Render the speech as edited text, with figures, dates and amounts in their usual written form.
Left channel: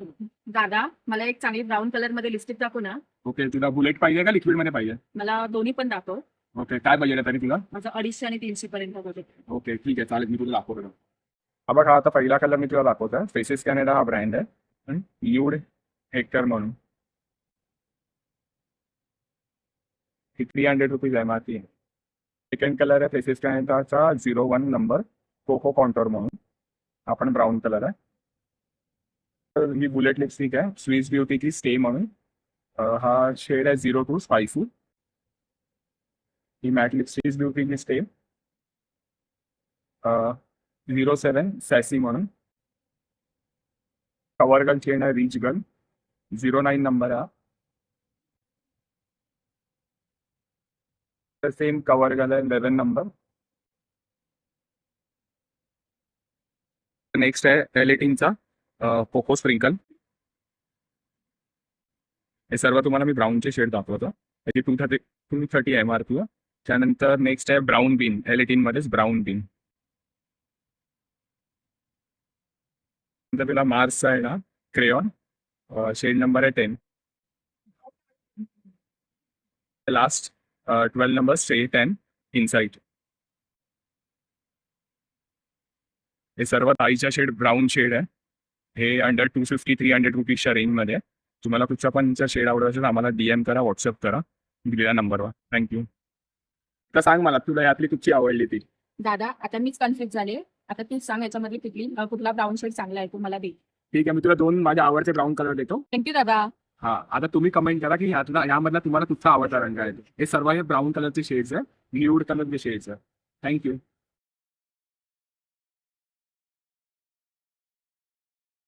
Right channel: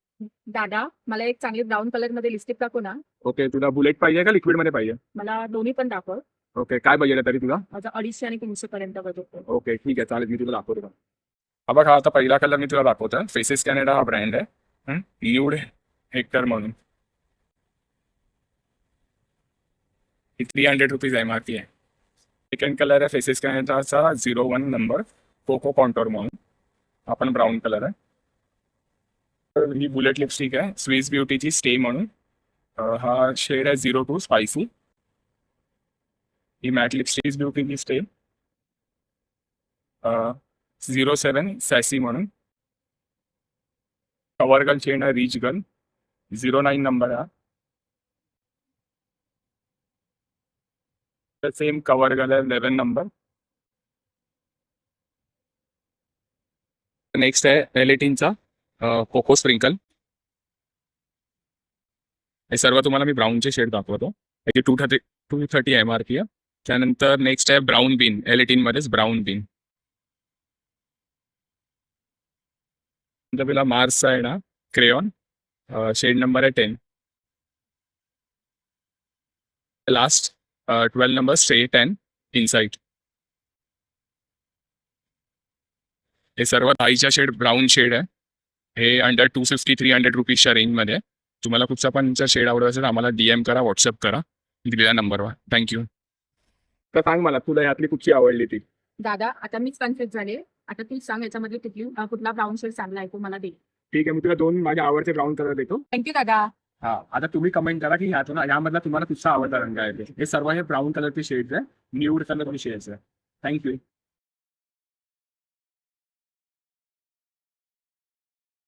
दादा, मला एक चांगली ब्राऊन कलर मध्ये लिपस्टिक दाखव ना. ओके, तुला बुलेट पाहिजे का लिक्विड मध्ये पाहिजे? मला दोन्ही पण दाखव. ओके, काय बजेट आहे तरी तुला? माझं 250 आणि 300 पर्यंत बजेट आहे. ओके, ठीक आहे, चालेल, मी तुला दाखवतो ना. हा बघा, आता पहिला कलर मी तुला दाखवतो. फेसेस कॅनडा हा ब्रँड आहे. ल्यूड हेक्टर म्हणून. ही 300 रुपीज MRP आहे. सेकंड कलर आहे फेसेस कॅनडाचा 01 नंबर कोको कॉन्टोर म्हणून. हा पण ब्राऊन कलर आहे. तर ही बुलेट लिपस्टिक आहे स्विस ब्युटीची स्टे म्हणून. हा शेड आहे 02 स्पायसी. ही मॅट लिपस्टिक ब्युटीची स्टे 07 सॅसी म्हणून. कवर गर्ल शेड आहे रिच गर्ल 09 नंबर हा. सेम कवर गर्ल आहे 11 नंबर. नेक्स्ट आहे एलिटिनचा कोको स्प्रिंकल. हे सर्व तुम्हाला मी ब्राऊनचे शेड दाखवतो. याची 230 MRP आहे. त्यानंतर नेक्स्ट आहे ब्राऊन बीन. एलिटिन मध्येच ब्राऊन बीन. पहिला मार्सचा आहे ना क्रेयॉन, शेड नंबर आहे 10. Last 12 number straight 10 inside. हे सर्व ताईच्या शेड ब्राऊन शेड आहे. हे अंडर 250-300 रुपीजच्या रेंजमध्ये. तुम्हाला कुठचा पण शेड आवडत असेल आम्हाला DM करा, व्हॉट्सअप करा दिलेल्या नंबरवर. थँक्यू. तर सांग मला तुला यातली कुठची आवडली ती? दादा, आता मीच कन्फ्युज झाले. आता तूच सांग याच्यामध्ये कुठला ब्राऊन शेड चांगला आहे, तू मला दे. ठीक आहे, मी तुला 2 माझ्या आवडते ब्राऊन कलर देतो. थँक्यू दादा. हा, आता तुम्ही कमेंट करा की यामधला तुम्हाला कुठचा आवडता रंग आहे. हे सर्व हे ब्राऊन कलरचे शेड्स आहे, न्यूड कलरचे शेड्स आहे. थँक्यू.